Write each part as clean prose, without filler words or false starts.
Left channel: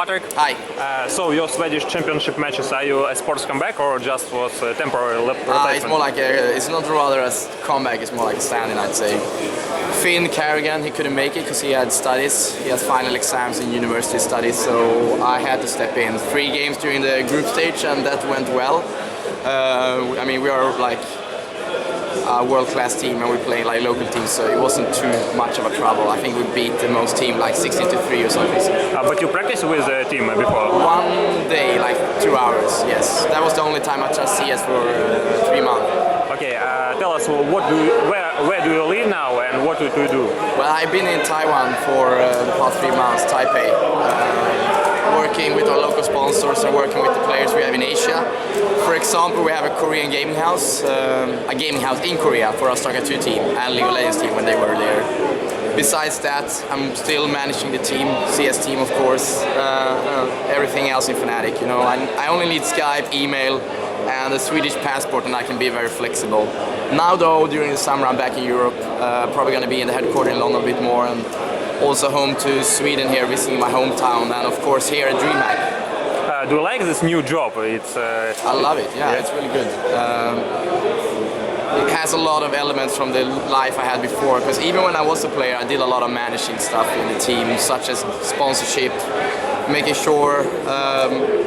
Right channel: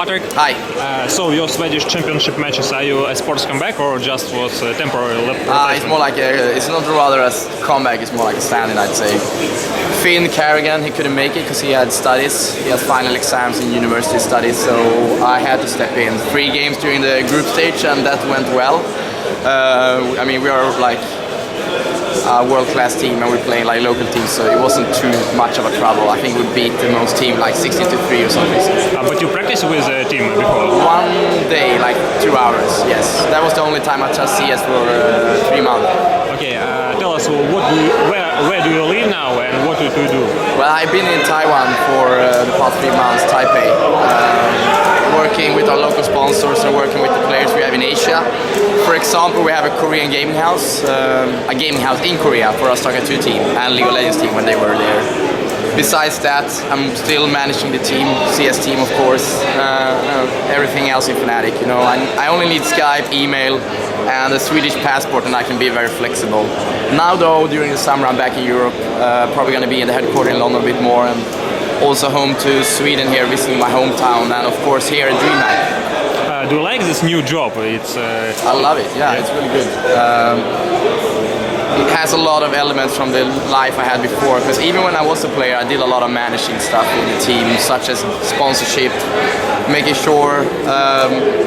Patrick. Hi. So your Swedish championship matches, are you a sports comeback or just was a temporary It's more like it's not rather a comeback, it's more like a stand-in, I'd say. cArn, he couldn't make it because he had studies. He had final exams in university studies, so I had to step in. 3 games during the group stage and that went well. I mean, we are like a world-class team and we're playing like local teams, so it wasn't too much of a trouble. I think we beat the most team like 16-3 or something. But you practiced with the team before? One day, like 2 hours, yes. That was the only time I touched CS for 3 months. Okay, tell us where do you live now and what do you do? Well, I've been in Taiwan for the past 3 months, Taipei, working with our local sponsors and working with the players we have in Asia. For example, we have a Korean gaming house in Korea for our StarCraft 2 team and League of Legends team when they were there. Besides that, I'm still managing the team, CS team of course, everything else in Fnatic. You know, I only need Skype, email, and a Swedish passport, and I can be very flexible. Now though, during the summer I'm back in Europe, probably going to be in the headquarters in London a bit more, and also home to Sweden here, visiting my hometown, and of course here at DreamHack. Do you like this new job? I love it, yeah, it's really good. It has a lot of elements from the life I had before, because even when I was a player I did a lot of managing stuff in the team, such as sponsorship, making sure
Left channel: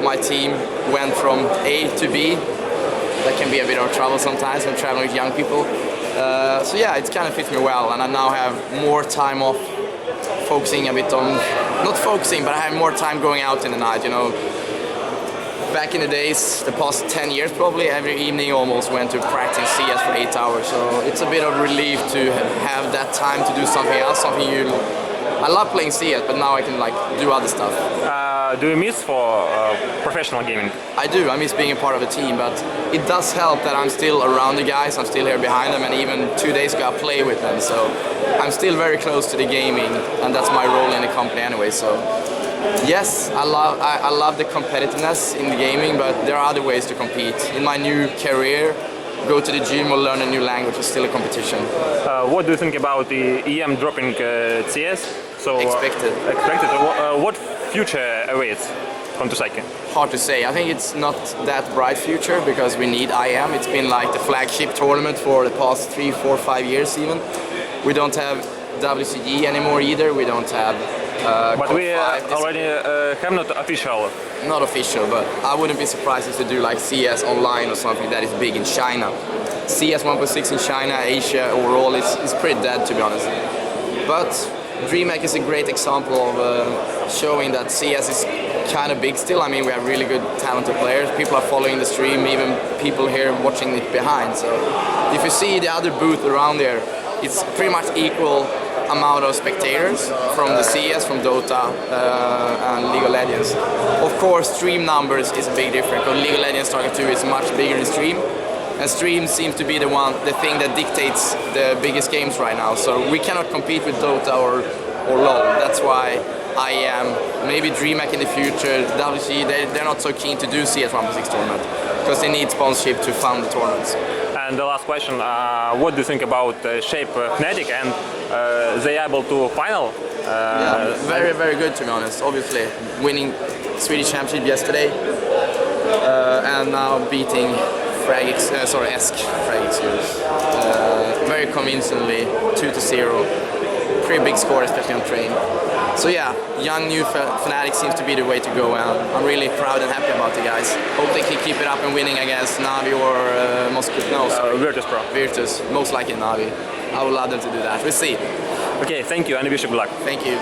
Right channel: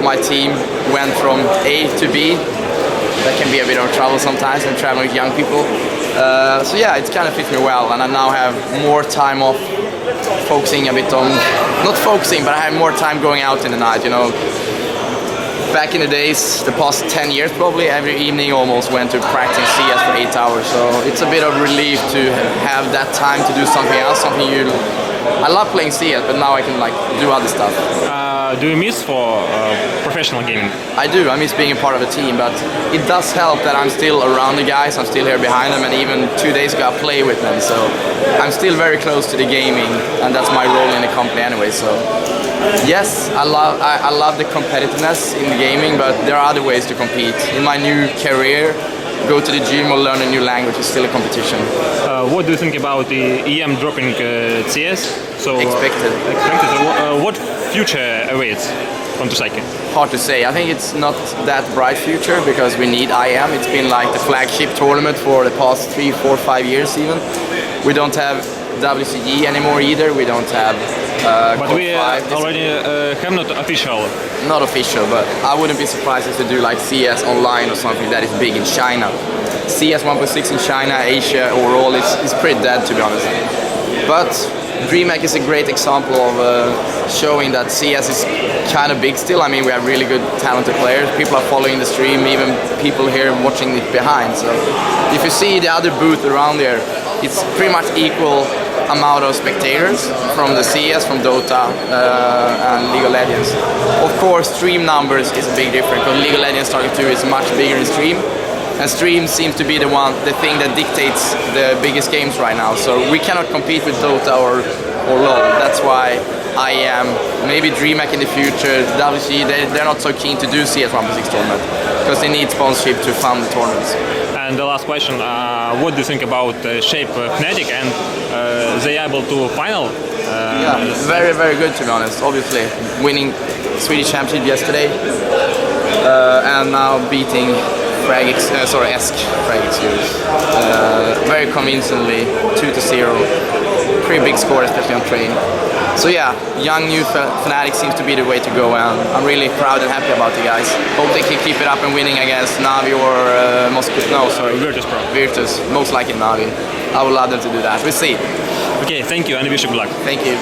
my team went from A to B. That can be a bit of trouble sometimes when traveling with young people. So yeah, it kind of fits me well, and I now have more time off focusing a bit on, not focusing, but I have more time going out in the night, you know. Back in the days, the past 10 years probably, every evening almost went to practice CS for 8 hours, so it's a bit of relief to have that time to do something else, I love playing CS, but now I can like do other stuff. Do you miss for professional gaming? I do, I miss being a part of a team, but it does help that I'm still around the guys, I'm still here behind them, and even 2 days ago I played with them, so I'm still very close to the gaming, and that's my role in the company anyway, so yes, I love the competitiveness in the gaming, but there are other ways to compete. In my new career, go to the gym or learn a new language is still a competition. What do you think about the EM dropping CS? So, expected. What future awaits on Tusaki? Hard to say. I think it's not that bright future because we need IM. It's been like the flagship tournament for the past 3, 4, 5 years even. We don't have WCG anymore either. We don't have but we already have not official. Not official, but I wouldn't be surprised if they do like CS online or something that is big in China. CS 1.6 in China, Asia overall is pretty dead, to be honest. But DreamHack is a great example of showing that CS is kind of big still. I mean, we have really good talented players. People are following the stream, even people here watching it behind. So if you see the other booth around there, it's pretty much equal amount of spectators from the CS, from Dota and League of Legends. Of course, stream numbers is a big difference because League of Legends StarCraft 2 is much bigger in stream, and stream seems to be the thing that dictates the biggest games right now. So we cannot compete with Dota or LoL. That's why I am maybe DreamHack in the future. WC, they're not so keen to do CS 1.6 tournament because they need sponsorship to fund the tournaments. And the last question, what do you think about Shape Fnatic and they able to final? Yeah, very, very good to be honest. Obviously, winning Swedish Championship yesterday and now beating Esk Fragix very convincingly, 2-0. Pretty big score, especially on train. So yeah, young new Fnatic seems to be the way to go, and I'm really proud and happy about the guys. Hope they can keep it up and winning against Navi or Moscow. No, sorry, Virtus. Most likely Navi. I would love them to do that. We'll see. Okay, thank you and wish you good luck. Thank you.